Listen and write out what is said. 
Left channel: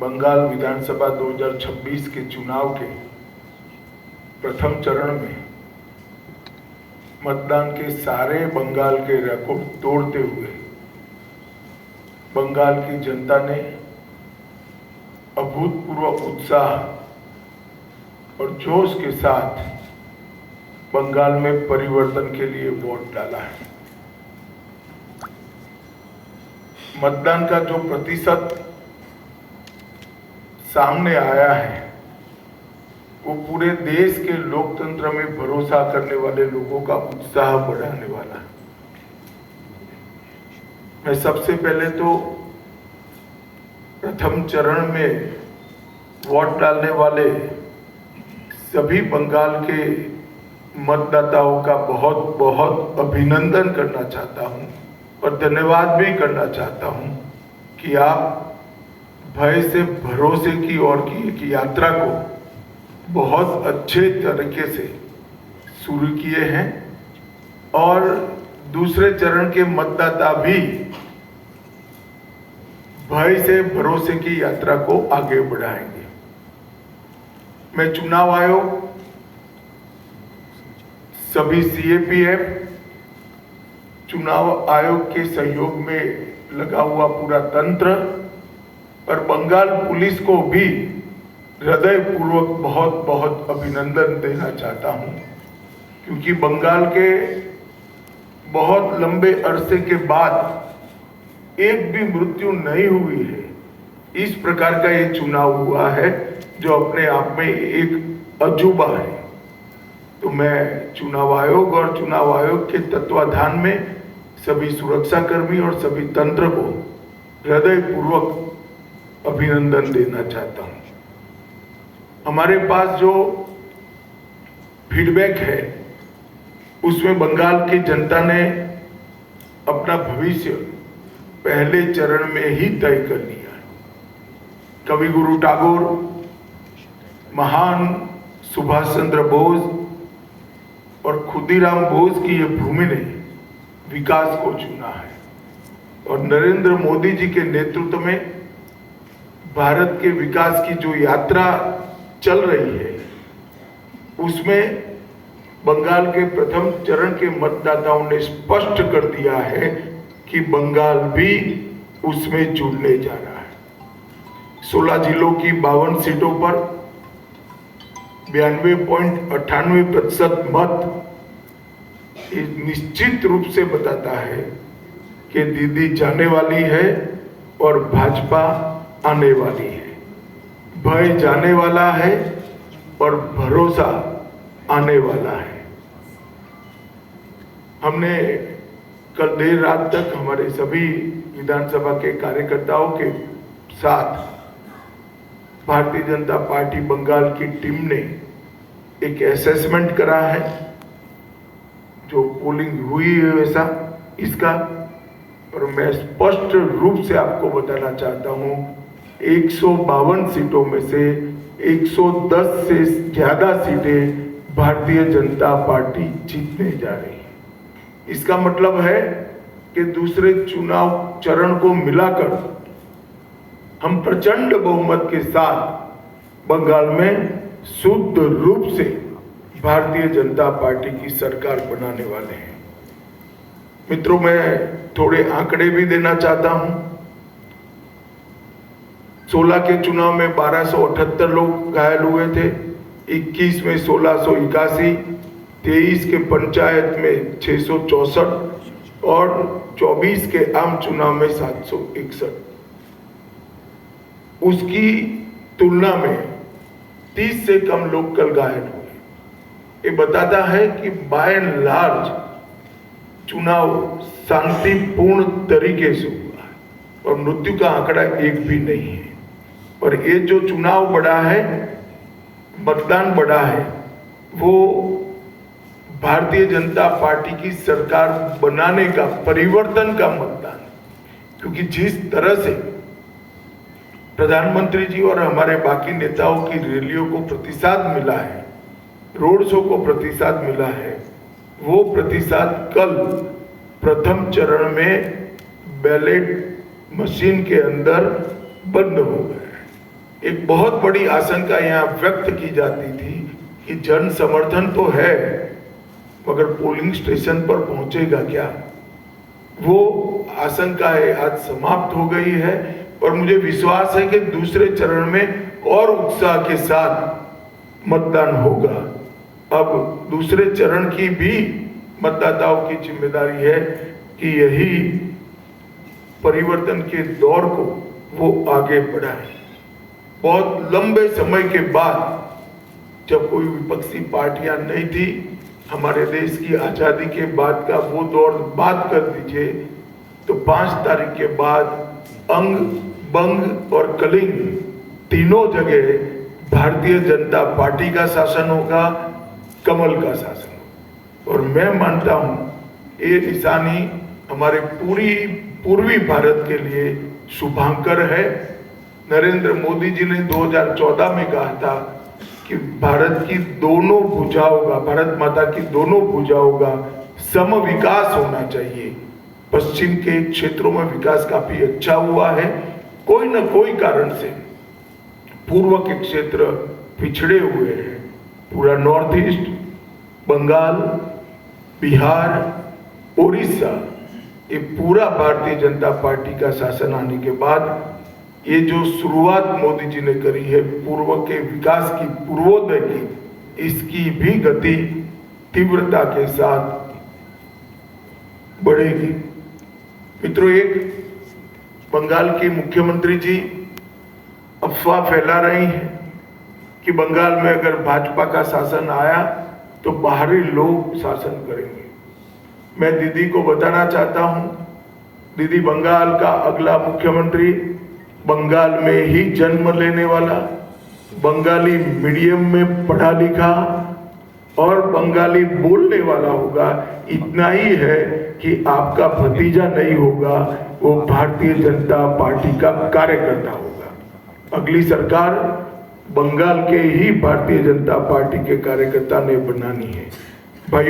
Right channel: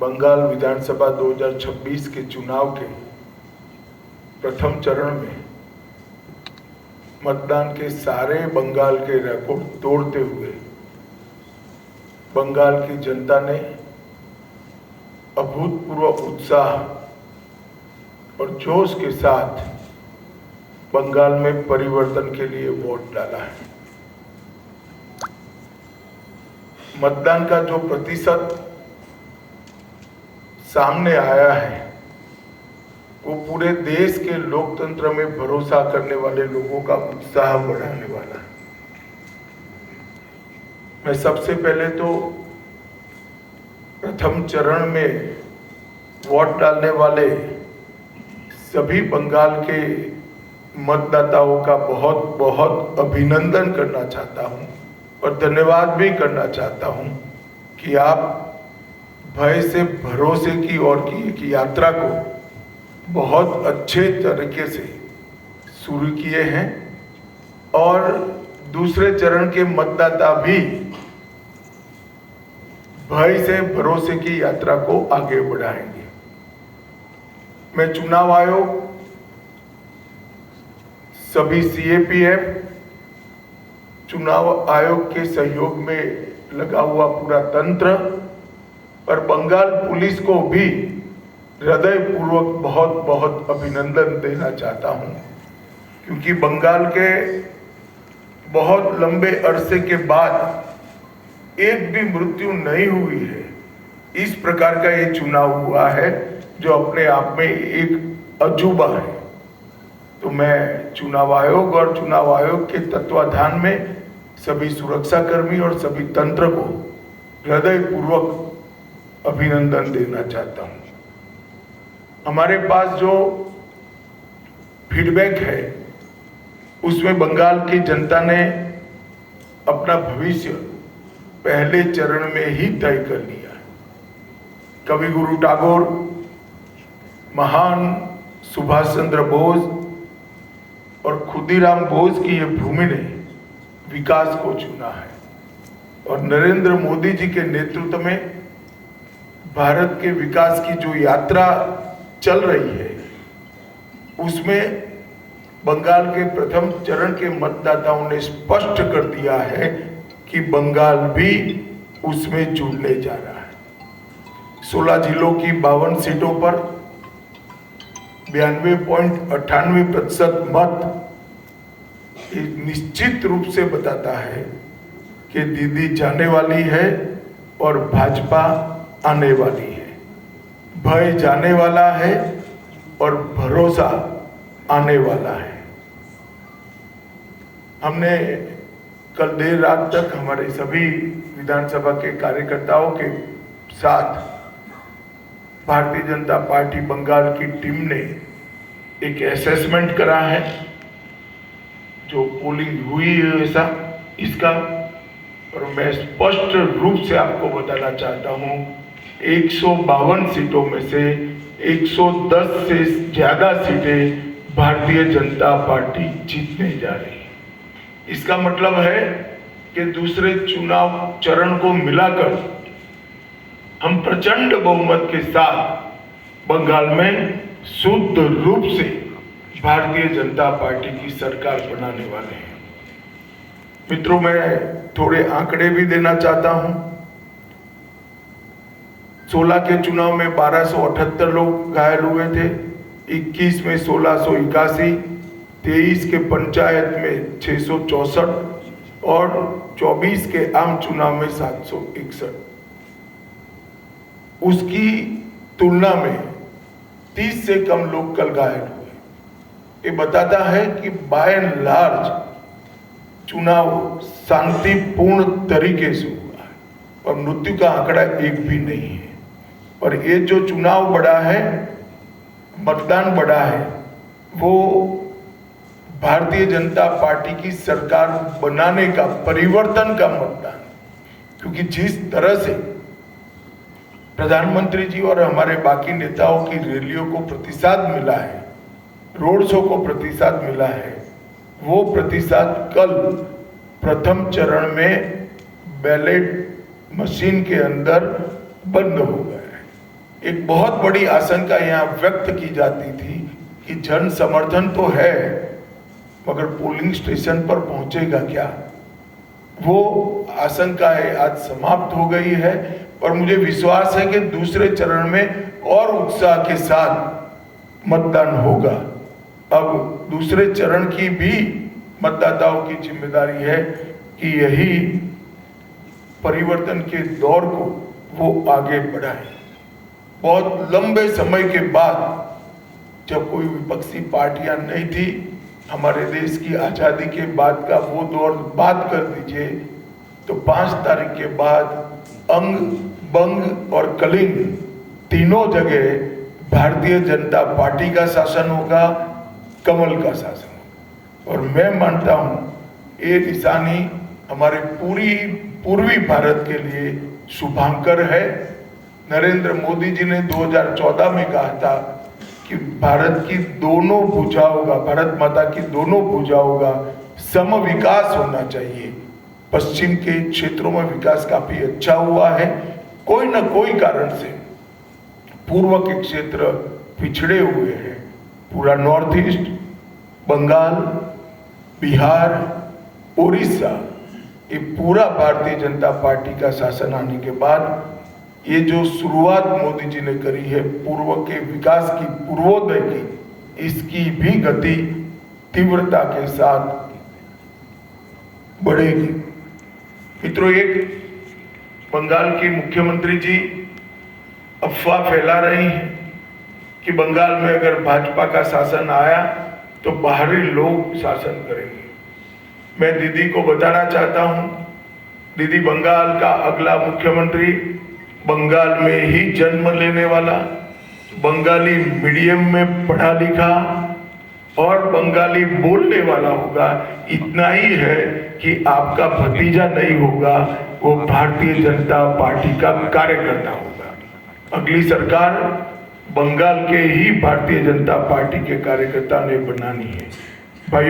बंगाल विधानसभा 2026 के चुनाव के प्रथम चरण में मतदान के सारे बंगाल के रिकॉर्ड तोड़ते हुए बंगाल की जनता ने अभूतपूर्व उत्साह और जोश के साथ बंगाल में परिवर्तन के लिए वोट डाला है। मतदान का जो प्रतिशत सामने आया है वो पूरे देश के लोकतंत्र में भरोसा करने वाले लोगों का उत्साह बढ़ाने वाला है। मैं सबसे पहले तो प्रथम चरण में वोट डालने वाले सभी बंगाल के मतदाताओं का बहुत बहुत अभिनंदन करना चाहता हूं और धन्यवाद भी करना चाहता हूं कि आप भय से भरोसे की ओर की एक यात्रा को बहुत अच्छे तरीके से शुरू किए हैं और दूसरे चरण के मतदाता भी भय से भरोसे की यात्रा को आगे बढ़ाएंगे। मैं चुनाव आयोग, सभी सीएपीएफ, चुनाव आयोग के सहयोग में लगा हुआ पूरा तंत्र और बंगाल पुलिस को भी हृदयपूर्वक बहुत बहुत अभिनंदन देना चाहता हूं, क्योंकि बंगाल के बहुत लंबे अरसे के बाद एक भी मृत्यु नहीं हुई है। इस प्रकार का ये चुनाव हुआ है जो अपने आप में एक अजूबा है। तो मैं चुनाव आयोग और चुनाव आयोग के तत्वाधान में सभी सुरक्षाकर्मी और सभी तंत्र को हृदयपूर्वक अभिनंदन देना चाहता हूं। हमारे पास जो फीडबैक है उसमें बंगाल की जनता ने अपना भविष्य पहले चरण में ही तय कर लिया। कवि गुरु टैगोर, महान सुभाष चंद्र बोस और खुदीराम बोस की ये भूमि ने विकास को चुना है और नरेंद्र मोदी जी के नेतृत्व में भारत के विकास की जो यात्रा चल रही है उसमें बंगाल के प्रथम चरण के मतदाताओं ने स्पष्ट कर दिया है कि बंगाल भी उसमें जुड़ने जा रहा है। 16 जिलों की 52 सीटों पर 92.98% मत निश्चित रूप से बताता है कि दीदी जाने वाली है और भाजपा आने वाली है। भय जाने वाला है और भरोसा आने वाला है। हमने कल देर रात तक हमारे सभी विधानसभा के कार्यकर्ताओं के साथ भारतीय जनता पार्टी बंगाल की टीम ने एक असेसमेंट करा है, जो पोलिंग हुई है ऐसा इसका, और मैं स्पष्ट रूप से आपको बताना चाहता हूं 152 सीटों में से 110 से ज्यादा सीटें भारतीय जनता पार्टी जीतने जा रही है। इसका मतलब है कि दूसरे चुनाव चरण को मिलाकर हम प्रचंड बहुमत के साथ बंगाल में शुद्ध रूप से भारतीय जनता पार्टी की सरकार बनाने वाले हैं। मित्रों, मैं थोड़े आंकड़े भी देना चाहता हूं। 16 के चुनाव में 1278 लोग घायल हुए थे, 21 में 1681, 23 के पंचायत में 664 और 24 के आम चुनाव में 761। उसकी तुलना में 30 से कम लोग कल घायल हुए। ये बताता है कि बाय एंड लार्ज चुनाव शांतिपूर्ण तरीके से हुआ है और मृत्यु का आंकड़ा एक भी नहीं है। और ये जो चुनाव बढ़ा है, मतदान बढ़ा है, वो भारतीय जनता पार्टी की सरकार बनाने का, परिवर्तन का मतदान है। क्योंकि जिस तरह से प्रधानमंत्री जी और हमारे बाकी नेताओं की रैलियों को प्रतिसाद मिला है, रोड शो को प्रतिसाद मिला है, वो प्रतिसाद कल प्रथम चरण में बैलेट मशीन के अंदर बंद हो गए। एक बहुत बड़ी आशंका यहाँ व्यक्त की जाती थी कि जन समर्थन तो है मगर पोलिंग स्टेशन पर पहुंचेगा क्या। वो आशंकाएं आज समाप्त हो गई है और मुझे विश्वास है कि दूसरे चरण में और उत्साह के साथ मतदान होगा। अब दूसरे चरण की भी मतदाताओं की जिम्मेदारी है कि यही परिवर्तन के दौर को वो आगे बढ़ाए। बहुत लंबे समय के बाद जब कोई विपक्षी पार्टियां नहीं थी, हमारे देश की आजादी के बाद का वो दौर बात कर दीजिए, तो 5 तारीख के बाद अंग बंग और कलिंग तीनों जगह भारतीय जनता पार्टी का शासन होगा, कमल का शासन होगा। और मैं मानता हूं ये निशानी हमारे पूर्वी भारत के लिए शुभांकर है। नरेंद्र मोदी जी ने 2014 में कहा था कि भारत की दोनों भुजाओं का, भारत माता की दोनों भुजाओं का सम विकास होना चाहिए। पश्चिम के क्षेत्रों में विकास काफी अच्छा हुआ है, कोई न कोई कारण से पूर्व के क्षेत्र पिछड़े हुए हैं। पूरा नॉर्थ ईस्ट, बंगाल, बिहार, उड़ीसा, ये पूरा भारतीय जनता पार्टी का शासन आने के बाद ये जो शुरुआत मोदी जी ने करी है पूर्व के विकास की, पूर्वोदय की, इसकी भी गति तीव्रता के साथ बढ़ेगी। मित्रों, एक बंगाल की मुख्यमंत्री जी अफवाह फैला रही हैं कि बंगाल में अगर भाजपा का शासन आया तो बाहरी लोग शासन करेंगे। मैं दीदी को बताना चाहता हूं, दीदी बंगाल का अगला मुख्यमंत्री बंगाल में ही जन्म लेने वाला, बंगाली मीडियम में पढ़ा लिखा और बंगाली बोलने वाला होगा। इतना ही है कि आपका भतीजा नहीं होगा, वो भारतीय जनता पार्टी का कार्यकर्ता होगा। अगली सरकार बंगाल के ही भारतीय जनता पार्टी के कार्यकर्ता ने बनानी है। भाइयों,